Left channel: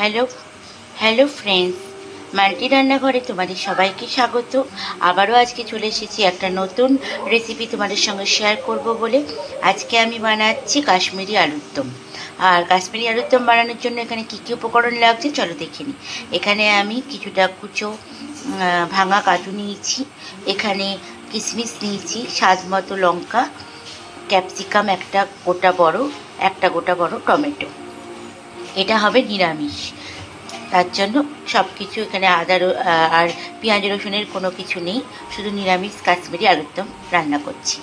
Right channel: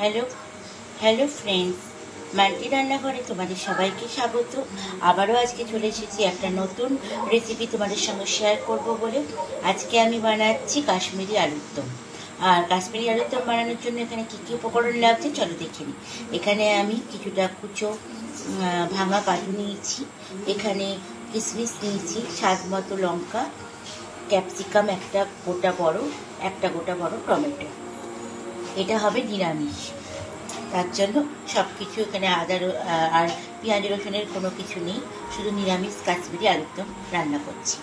Hello hello friends, multi রান্নাঘরে তোমাদের সবাইকে স্বাগত। আবারও আজকে চলে এসেছি একটা নতুন রেসিপি তোমাদের সঙ্গে শেয়ার করব বলে। আজকে আমি বানাচ্ছি কাশ্মীরি আলুর দম। আর কাশ্মীরি আলুর দম বানানোর জন্য এখানে কী কী উপকরণ লাগছে চলো দেখে নিই। এখানে আমি কিছুটা কুচো ভাঙা কাজু নিয়েছি, এখানে কিশমিশ নিয়েছি, স্বাদ মতো লঙ্কা, ক্যাপসিকাম একটা গোটা বড় টমেটো। এটা হবে নিরামিষ, তার জন্য সব কিছু এখানে আর পেঁয়াজ রসুনের কোনো কিছু নেই, শুধু নিরামিষ কাশ্মীরি আলুর দম রান্না করছি।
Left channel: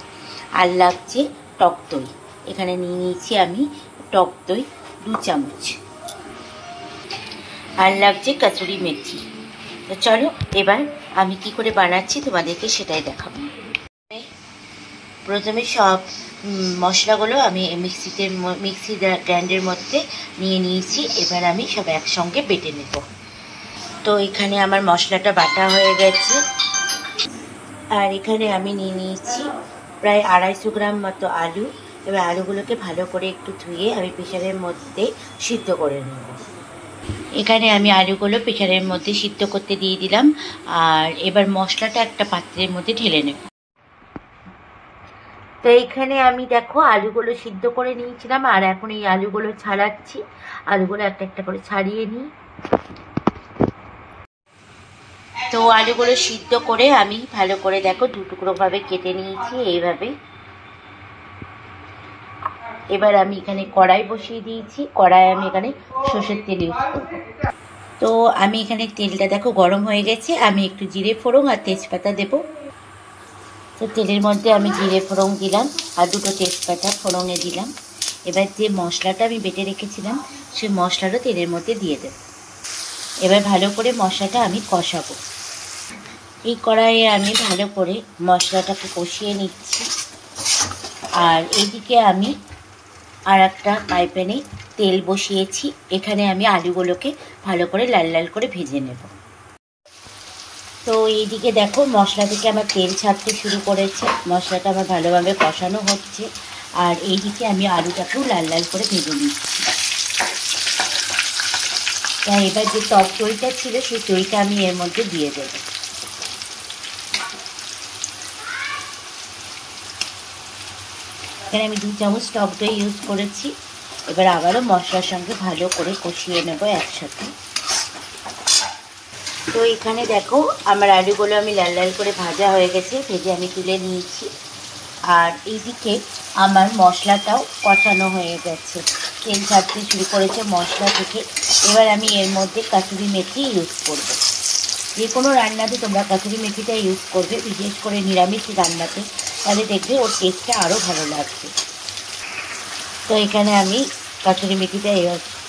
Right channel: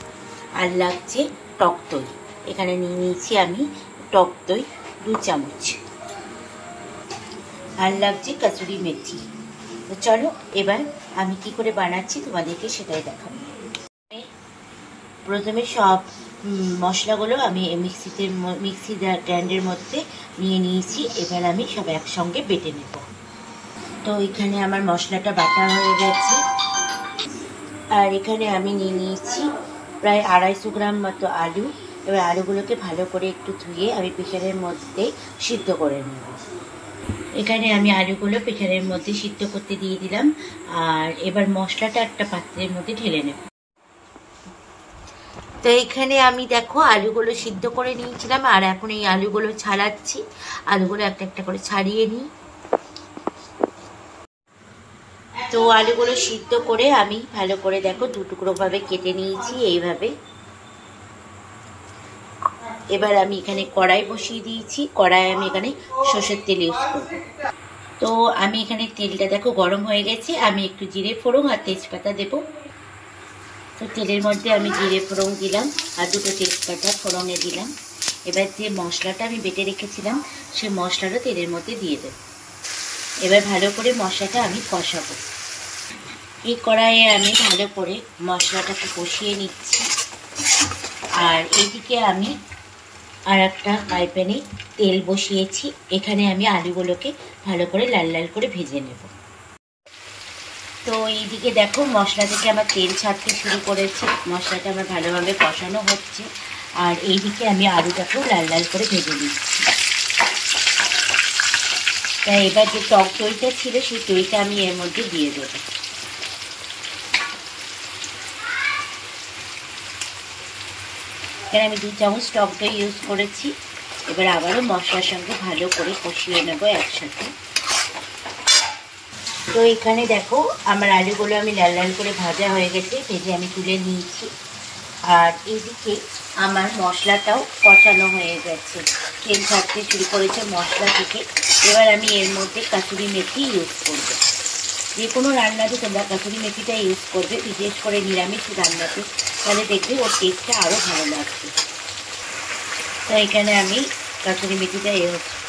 আর লাগছে টক দই, এখানে নিয়ে নিয়েছি আমি টক দই 2 চামচ। আর লাগছে কসুরি মেথি। তো চলো এবার আমি কি করে বানাচ্ছি তোমাদেরকে সেটাই দেখাবো। প্রথমে সব মশলাগুলো আমি মিক্সি গ্রাইন্ডারের মধ্যে নিয়ে নিয়েছি। এবার আমি সব একসঙ্গে বেটে নেব। তো এখানে আমার মশলাটা বাটা হয়ে গেছে। আর এখানে আমি নিয়ে নিয়েছি প্রায় 250 গ্রাম মতো আলু। এবার আলুগুলোকে ভালো করে একটু ধুয়ে আমি প্রেসারের মধ্যে সিদ্ধ করে নেব। এখানে আমি আলুগুলো প্রেসারের মধ্যে সিদ্ধ করতে দিয়ে দিলাম। আর এবার মশলাটা একটা পাত্রের মধ্যে ঢেলে নেব। তো এখানে আমি দেখো আলুগুলো সিদ্ধ করে নিয়েছিলাম, আর এখন এই আলুগুলো ছাড়াচ্ছি। আলুগুলো একটা একটা করে ছাড়িয়ে নিই। তো আলুগুলো সিদ্ধ করে আমি ভালো করে দেখো 2 টুকরো ভাবে কেটে নিয়েছি এইভাবে। এবার আমি এখানে কড়াই বসিয়ে দিয়েছি। কড়াই আমি এখানে সরষের তেল ইউজ করব। তো আমি এখানে তেলটা দেখো গরম হয়ে গেছে। আমি একটু জিরে ফোড়ন আর তেজপাতা দেবো। তো তেলের মধ্যে আমি জিরে ফোড়ন দিলাম আর 2টো তেজপাতা ফোড়নে দিলাম। এবার যে মশলাটা আমি বেটে রেখেছিলাম সেই মশলাটা তেলের মধ্যে দিয়ে দেব। এবার ভালো করে মশলাটা আমি কষাবো। এই কড়াইয়ে আমি ভালো করে মশলাটাকে কষিয়ে নিচ্ছি। আর এইদিকে আমি আর একটা ফ্রাই প্যানে তেল বসিয়েছি। এখানে আমি আলুগুলোকে ভালো করে লাল লাল করে ভেজে নেব। তো এইদিকে দেখো মশলা থেকে আমার তেল ছাড়তে শুরু করেছে, মশলাটা আমার ভালোভাবে কষানো হচ্ছে। আর এইদিকে আমি আলুটাকেও লাল লাল করে ভেজে নিচ্ছি। তাই এবার যে টক দইটা ছিল সেই দইটা আমি এর মধ্যে দিয়ে দেব। এখানে আমি 2 চামচ টক দই ইউজ করেছি। এবার আবারও মশলার সঙ্গে ভালো করে কষিয়ে নেব একসাথে। তো এখানে দেখো আমার আলুগুলো আমি লাল লাল করে ভাজা হয়ে গেছে, ভেজে আমি তুলে নিয়েছি। আর এইদিকে আমার মশলাটাও কষানো হয়ে গেছে, তেল ছাড়তে শুরু করেছে মশলা থেকে। এবার আমি এর মধ্যে কসুরি মেথি ইউজ করব। যে কোনো রান্নাতে তোমরা কসুরি মেথিটা ইউজ করবে, বিশেষ করে নিরামিষ রান্নাতে, তাহলে দেখবে ওর টেস্টটা আরও ভালো লাগবে। তো এখানে আমি কসুরি মেথিটা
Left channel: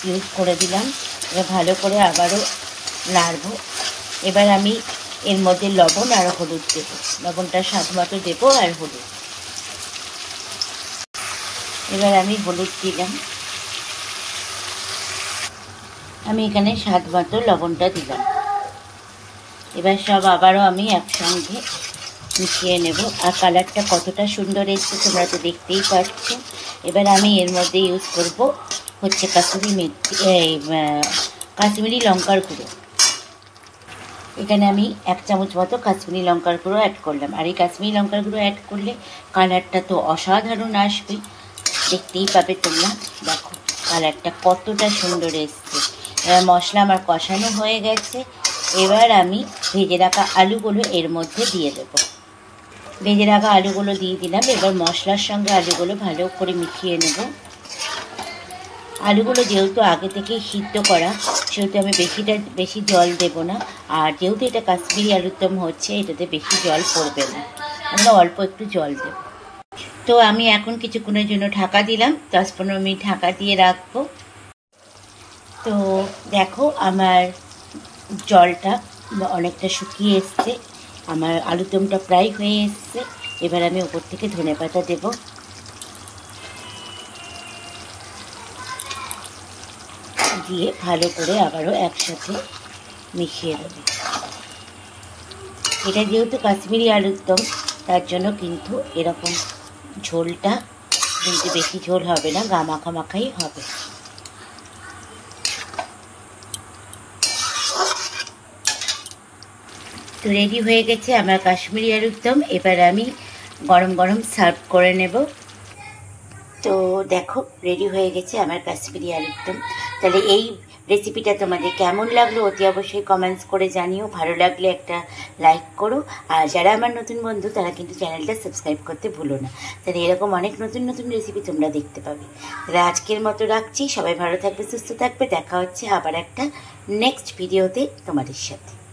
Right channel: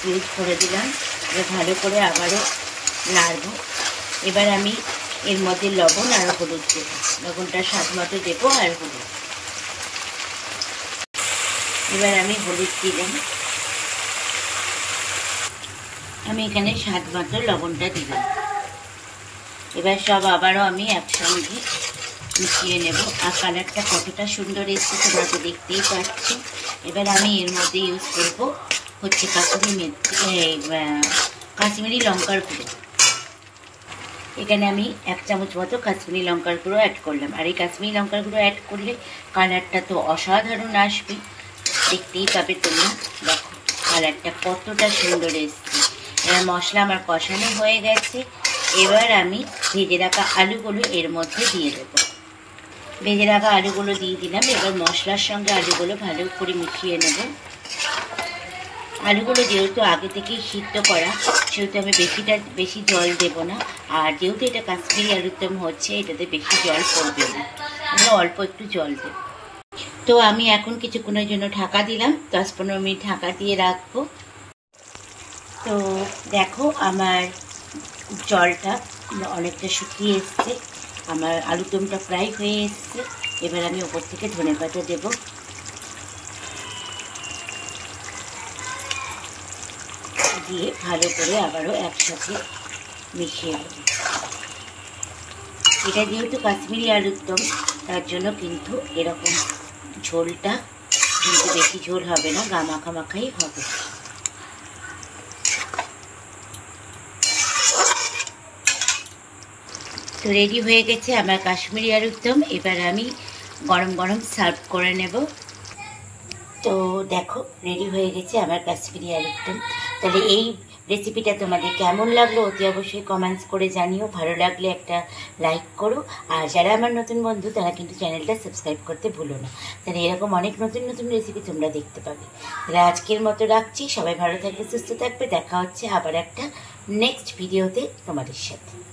ইউজ করে দিলাম। এবার ভালো করে আবারও নাড়ব। এবার আমি এর মধ্যে লবণ আর হলুদ দেব। লবণটা স্বাদ মতো দেবো আর হলুদ। এবার আমি হলুদ দিলাম। আমি এখানে স্বাদ মতো লবণটা দিলাম। এবার সব আবারও আমি একসঙ্গে মিশিয়ে নেব। আর কালারটা কতটা সুন্দর এসছে তোমরা তো দেখতেই পাচ্ছ। এবার আমি এর মধ্যে ইউজ করব হচ্ছে কাশ্মীরি লঙ্কার গুঁড়ো। এখানে আমি 1 চামচ মতো কাশ্মীরি লঙ্কার গুঁড়ো অ্যাড করলাম। আর এই কাশ্মীরি লঙ্কার গুঁড়ো অ্যাড করলে কালারটা তো অসাধারণ আসবে, দেখতেই পাবে তোমরা। দেখো কালারটা কতটা সুন্দর এসছে। এবার মশলা আমার কষানো হয়ে গেছে। এবার আমি ভেজে রাখা আলুগুলো এর মধ্যে দিয়ে দেব। ভেজে রাখা আলুগুলো দিয়ে দিলাম। এবার মশলার সঙ্গে আলুগুলো ভালো করে মিশিয়ে নেব। আলুগুলো যেহেতু আগে থেকেই সিদ্ধ করা, সেহেতু আমি বেশি জল দেব না। আর যেহেতু এটা কাশ্মীরি আলুর দম হচ্ছে, এটাতে বেশি জল পড়বে না, আমরা অল্প একটু জল দেব। তো আমি এখন কিছুক্ষণের জন্য ঢাকা দিলাম, 10-15 মিনিট ঢাকা দিয়ে রাখবো। তো দেখো আমার জলটা অনেকটা শুকিয়ে এসছে, আমার আলুর দমটা প্রায় হয়ে এসছে। এবার আমি উপর থেকে ধনেপাতা দেব। দিয়ে ভালো করে আবারও একসাথে মিশিয়ে দেব। এটা যেহেতু কাশ্মীরি আলুর দম, তার জন্য কিন্তু এরকম ঝোলটা কিন্তু বেশি ঝোল হবে না, গা মাখা মাখাই হবে। তো রেডি হয়ে গেছে আমার কাশ্মীরি আলুর দম। এবার আমি গরম গরম সার্ভ করে নেব। তো দেখো রেডি হয়ে গেছে আমার কাশ্মীরি আলুর দম। তাহলে এই রেসিপিটা তোমাদের কেমন লাগলো অতি অবশ্যই কমেন্টস করে জানিও। ভালো লাগলে একটা লাইক করো, আর যারা আমার নতুন বন্ধু তারা কিন্তু চ্যানেলটা সাবস্ক্রাইব করতে ভুলো না। তাহলে এরকম অনেক নতুন নতুন রেসিপি তোমরা দেখতে পাবে। তাহলে আজকের মতো রাখছি, সবাই ভালো থাকবে, সুস্থ থাকবে। দেখা হচ্ছে আবার একটা নেক্সট ভিডিওতে তোমাদের সাথে।